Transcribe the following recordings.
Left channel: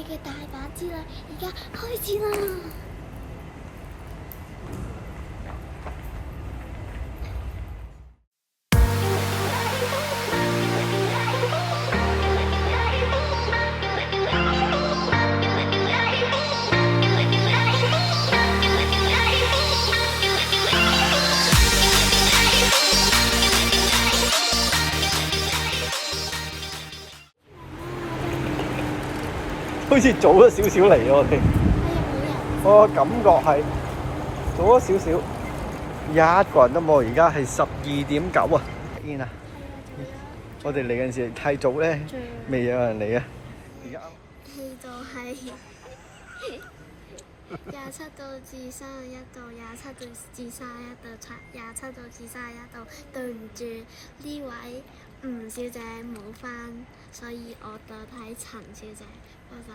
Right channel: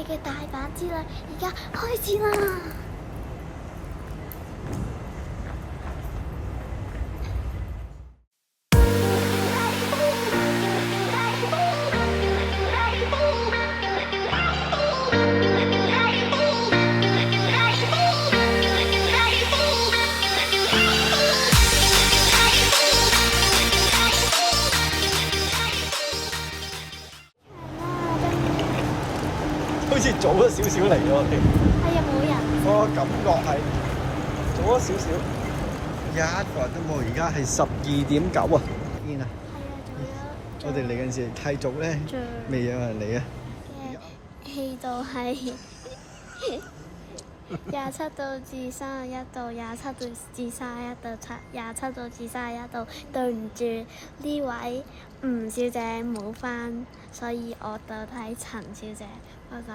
哋嘅大阪之旅而家開始啦！好似早咗少少嚟喎，我哋。係啊，冇人。我感覺係早咗少少，一個人都冇。而家係12:09啊！見啊！我哋嚟嗰陣時太早咧，未有人嚟啊！而家氣度係27度至31度，27度至31度，27度至31度。對唔住，呢位吳小姐冇返，所以我代替陳小姐。拜拜。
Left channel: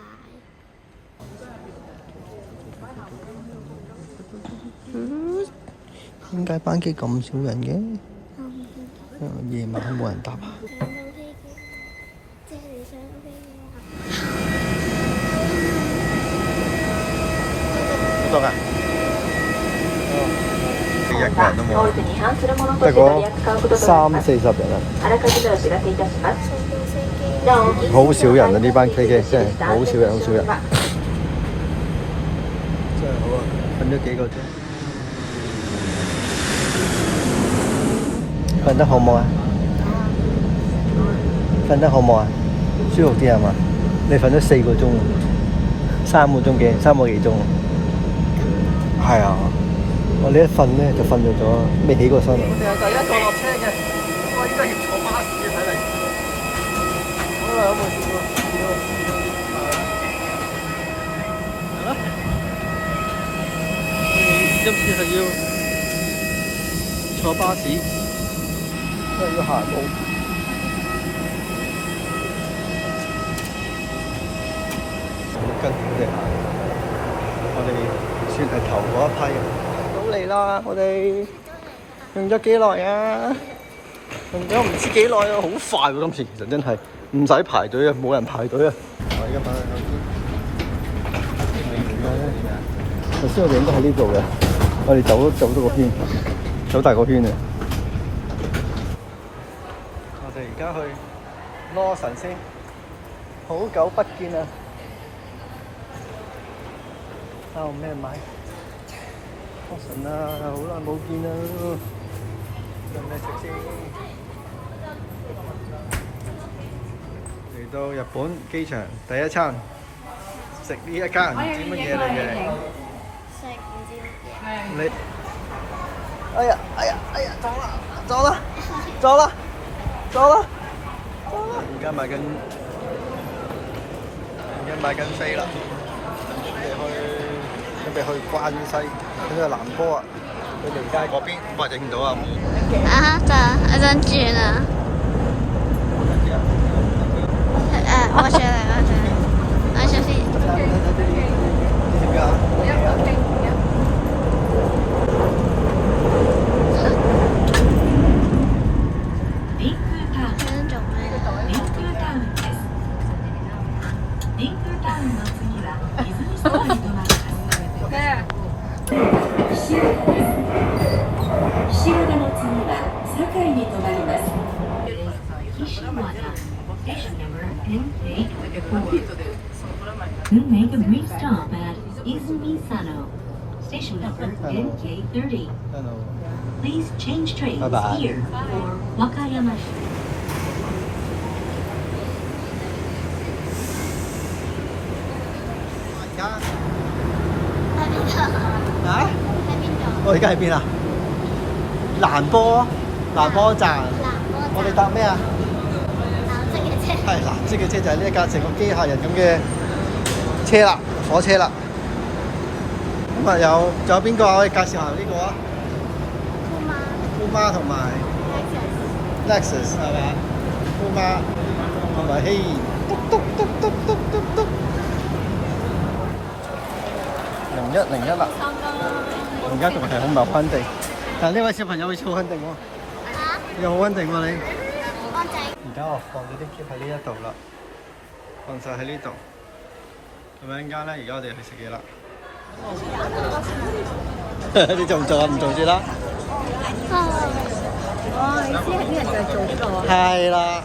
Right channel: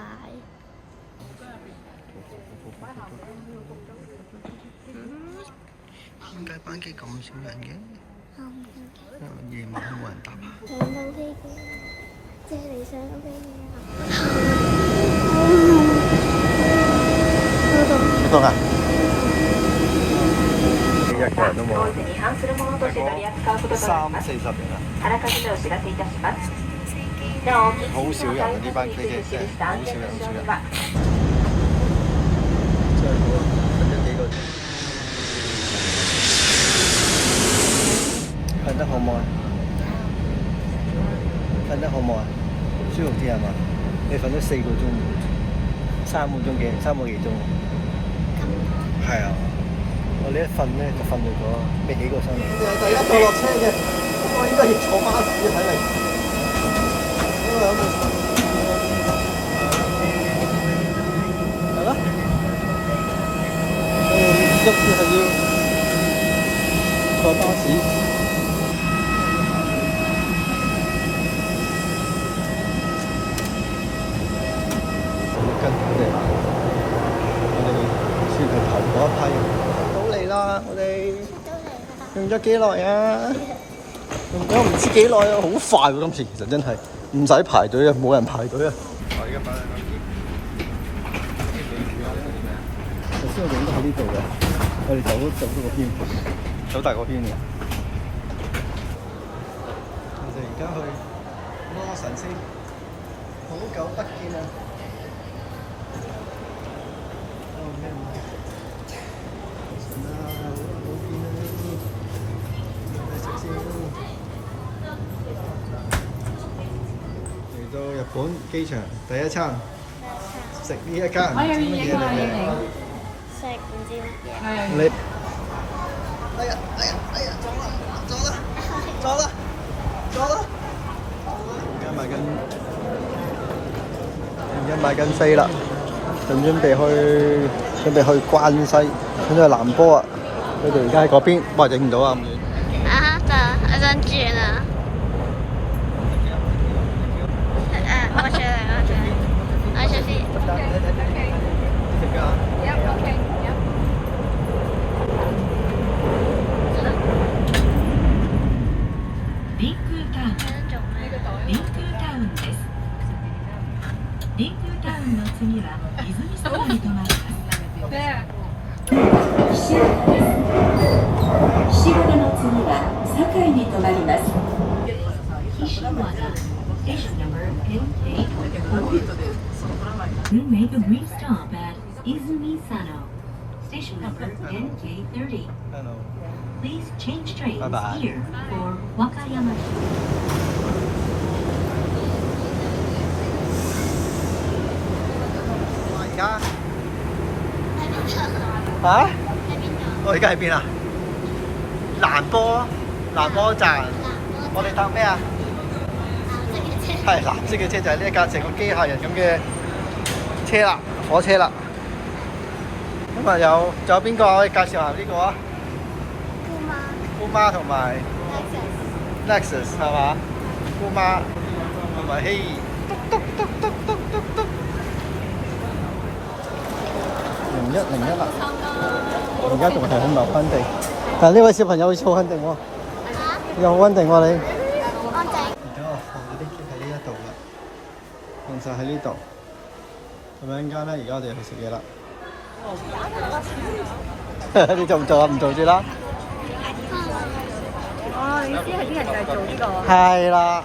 點解班機咁少人嘅？我唔知。夜晚冇人搭啊！上到飛機，即係你上到飛機啊！好凍啊！一個人都冇，得個30-40人啊！好少人啊！呢班飛機真係好少人，好少人。瞓得好冇啊？瞓得好冇啊？舒服啲係嘛？你瞓咗4個鐘，3個幾鐘。係啊，我呢一瞓咧就瞓咗未起過身。我哋係第一個落車嘅，我依家要坐巴士睇嚟。好啦，有冇試過？係啦。我哋今次係要坐巴士，因為要行路。跟我哋行，我哋算係頭嗰一批。到嚟啦！我哋用咗幾耐啊？用咗唔知幾耐啊！好快喎！今次其實真係唔使排隊啊，冇人排隊啊！我而家買緊手機。頭先我哋應該喺呢度嘅，我哋走咗個圈，走大個圈啊！我哋而家去羅神先，好久不見啊！有咩買？羅神啊，好耐冇見啦！有咩食先？嚟到日本機場第一餐，食呢一間唔知乜嘢嚟嘅。食唔知乜嘢。你，哎呀，走啦！而家買緊飛啦，準備去關西，咁就南波啊！佢哋而家喺嗰邊，哇，影唔到啊！啊，我想轉啊！我上先。You make a brief stop at Izumi Sano, station number NK30. Hello. Please change trains Bye-bye. here for Wakayama. 而家喺邊度？嚇？喺邊度？我而家喺邊啊？蘭波站。我哋搭咩啊？藍色嘅車。係藍色嘅車就係呢一架成個機械人咁嘅車啦，火車啦。咁啊仲有邊個可以介紹下呢個啊？姑媽同埋 Lexus 係嘛？姑媽同埋希嘟01啦。而家仲係好唔穩定，但係呢位小朋友好似好穩定喎。又好穩定喎你。安靜。而家我放咗啲喼喺呢一度啦，放晒喺呢度。咁樣間咧，而家我哋去食嘢啦。你做唔做啊？唔做住啦。哦，你知係啲人就係做呢個啊？係啦。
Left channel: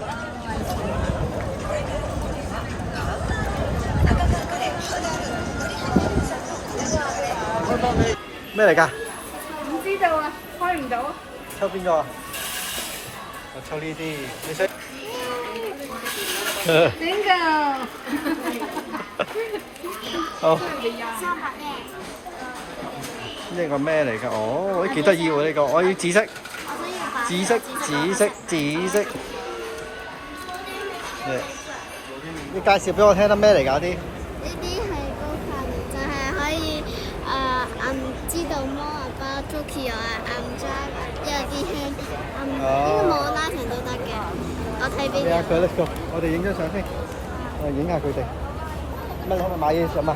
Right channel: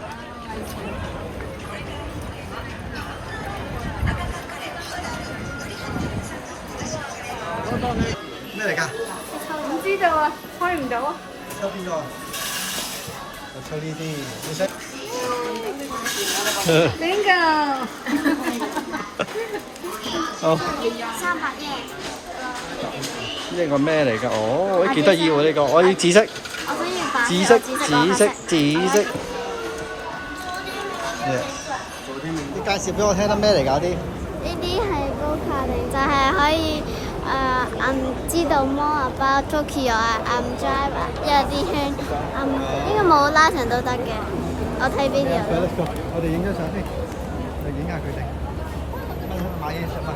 咩嚟㗎？唔知道啊，開唔到啊。抽邊個啊？我抽呢啲，你識？點㗎？好。300耶。呢個咩嚟㗎？哦，幾得意喎呢個，我要紫色。我想要白紫色，紫色，紫色。你介紹俾我聽得咩嚟㗎啲？呢啲係高卡定就係可以知道 more about Tokyo drive 一啲圈呢個冇拉長都得嘅，我睇邊度。我哋影張相先，我影下佢哋。乜可唔可以買嘢想嘛？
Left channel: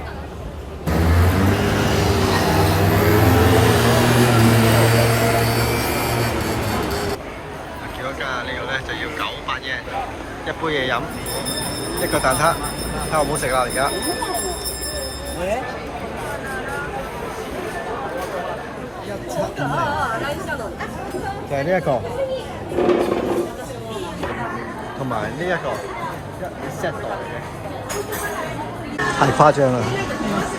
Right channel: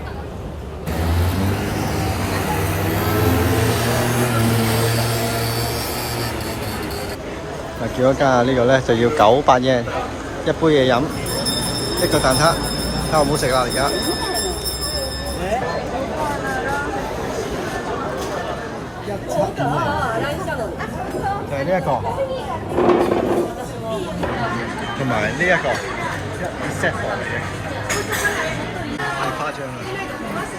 嗱，叫咗間呢個咧就要900yen，一杯嘢飲，一個蛋撻，睇下好唔好食啦而家。1750就係呢一個，同埋呢一個一 set 貨嚟嘅，太誇張啦！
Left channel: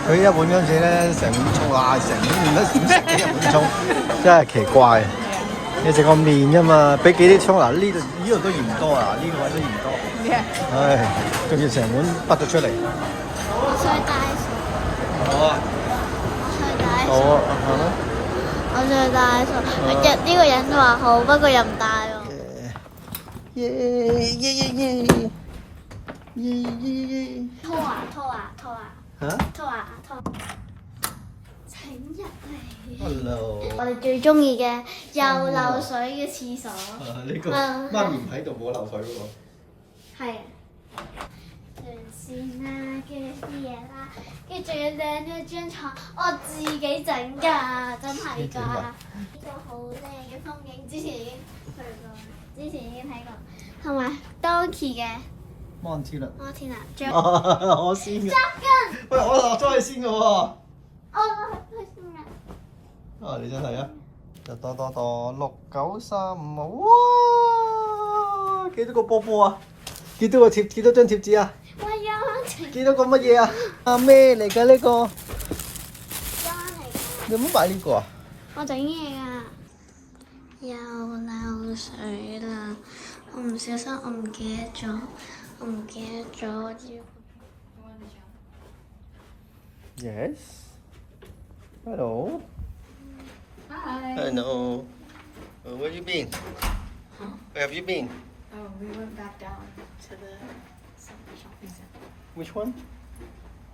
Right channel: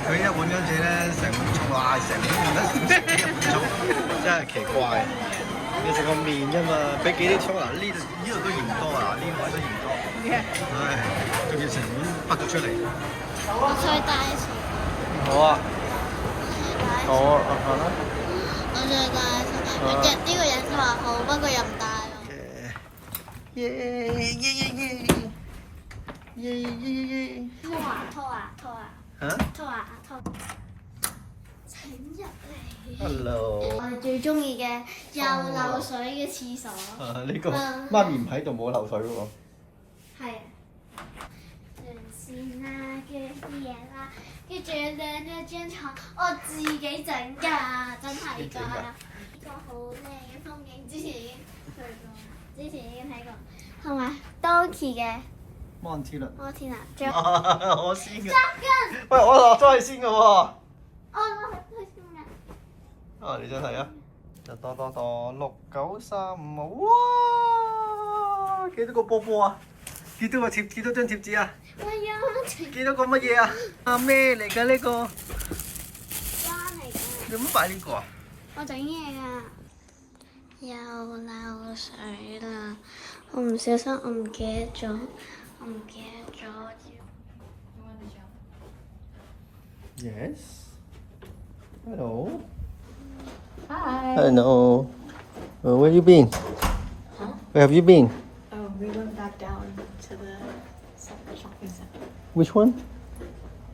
佢一碗嗰陣時咧，成碗葱啊，成碗麵都點食嘅一碗葱，真係奇怪。你食個麵啫嘛，俾幾啲葱嗱？呢度都嫌多啊，呢個位都嫌多。唉，仲要成碗滗咗出嚟。我想帶數。好啊，好啊，行啦。我想帶數。呢個人都話好，不過又唔帶喎。耶耶耶耶耶耶！拖啊！嚇？拖！請入嚟。Hello。我哋最中意嘅又漏水嘅廁所。呢個媽咪唔喺度冇漏水嗰個。係。上線啦，跟住啲嘢啦，跟住仲要靚咗張床，我自己整㗎，真係㗎。呢個好靚嘅風景，之前已經去過，之前已經睇過，同埋 Donkey 嘅。摩天輪。我先嘅。喂，我落咗去先嘅喎。我先嘅。啊！你真係啊！就多6935哇！幾多個波波啊？幾多張貼紙啊？幾多個乜嘢啊？啊咩嚟㗎呢個？你有冇買呢個啊？我整嘢㗎。又漏水啦！我唔小心，我唔記得咗。Yes. Hello. Hi. Hello. Where have you been? Huh? Where have you been? Oh, we went back down to the shopping center. Which one?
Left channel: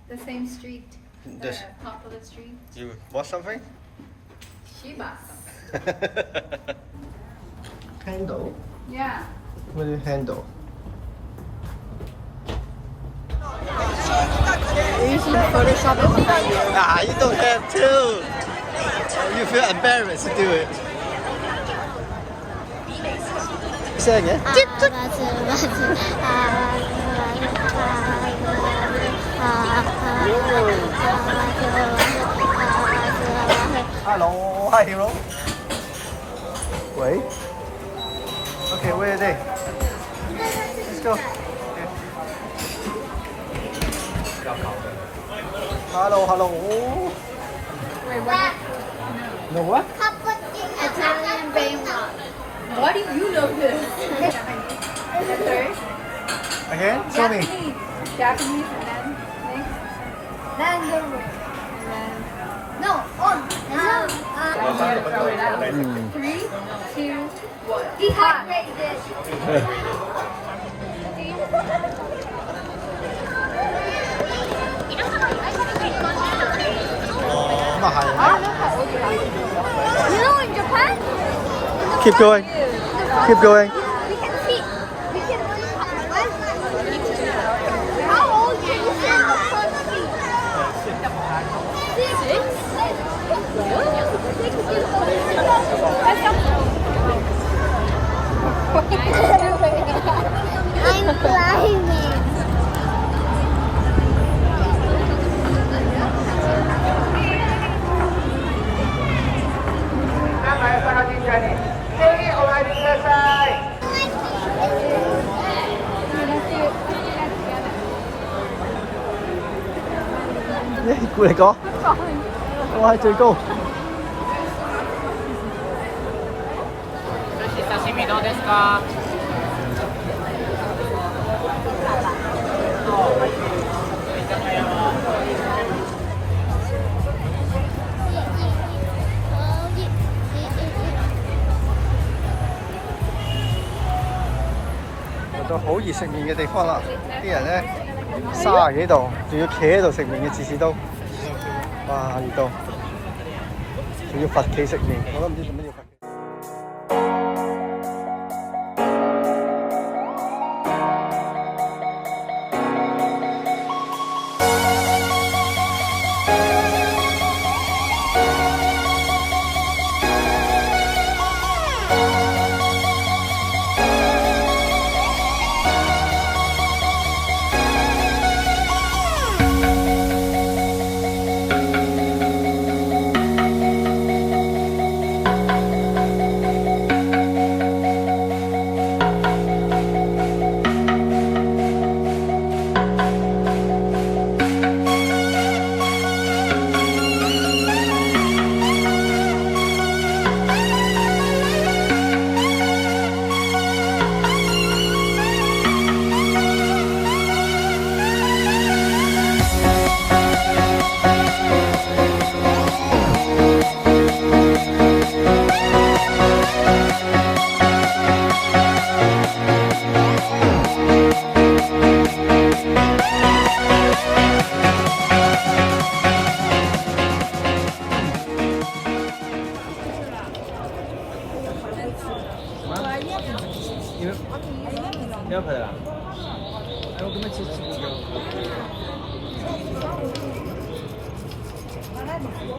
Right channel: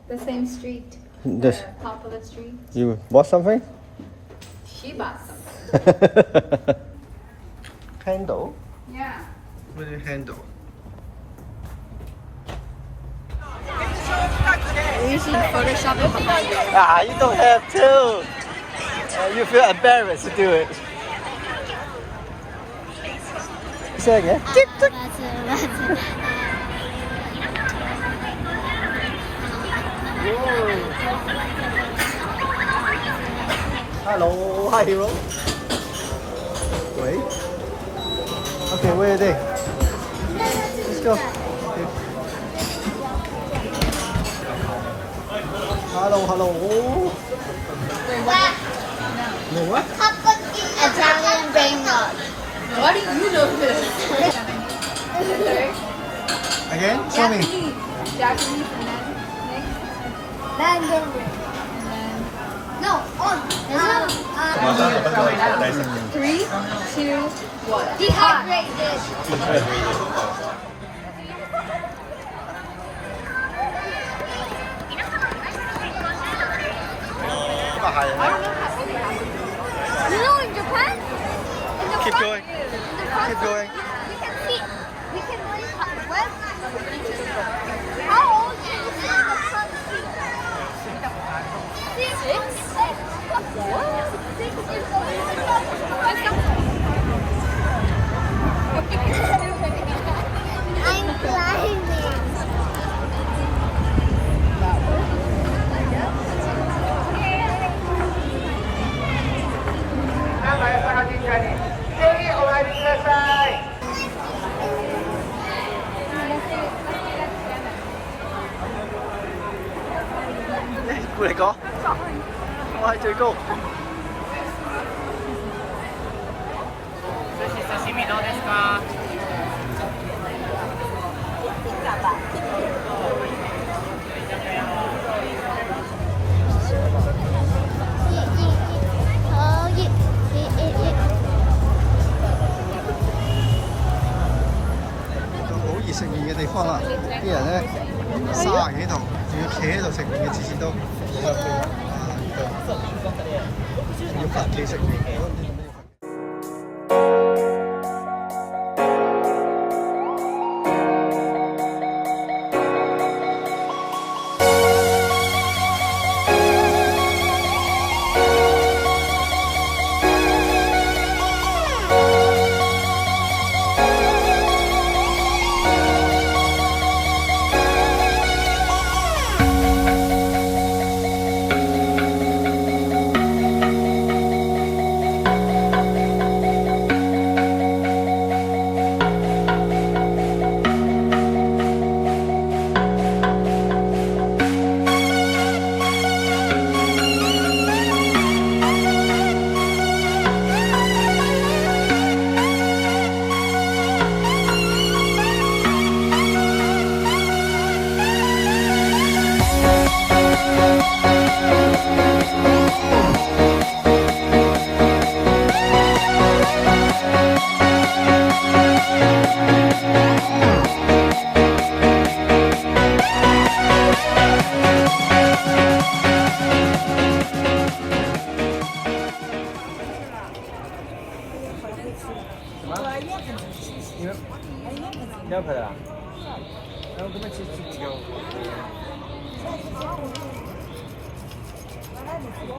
The same street. This. Popular street. You bought something? Shibas. Handle? Yeah. What do you handle? You should Photoshop it behind you. Ah, you don't have to. You feel embarrassed to do it. Say it. Hello, hi hero. Wait. Okay, where are they? Let's go. Okay. Hello. No what? Italian rainbow. Why do you know this? Again? Show me. Japanese and then next. No, on. Going out. 3, 2, 1. Dehydrated. You know in Japan? Keep going. Keep going. We can see. We can run from west. How old can you say the first feet? 6. I'm climbing. 估嚟講，我係最高。到好熱食麵嘅地方啦，啲人咧30幾度，仲要企喺度食麵嘅，次次都，哇熱到，仲要罰企食麵。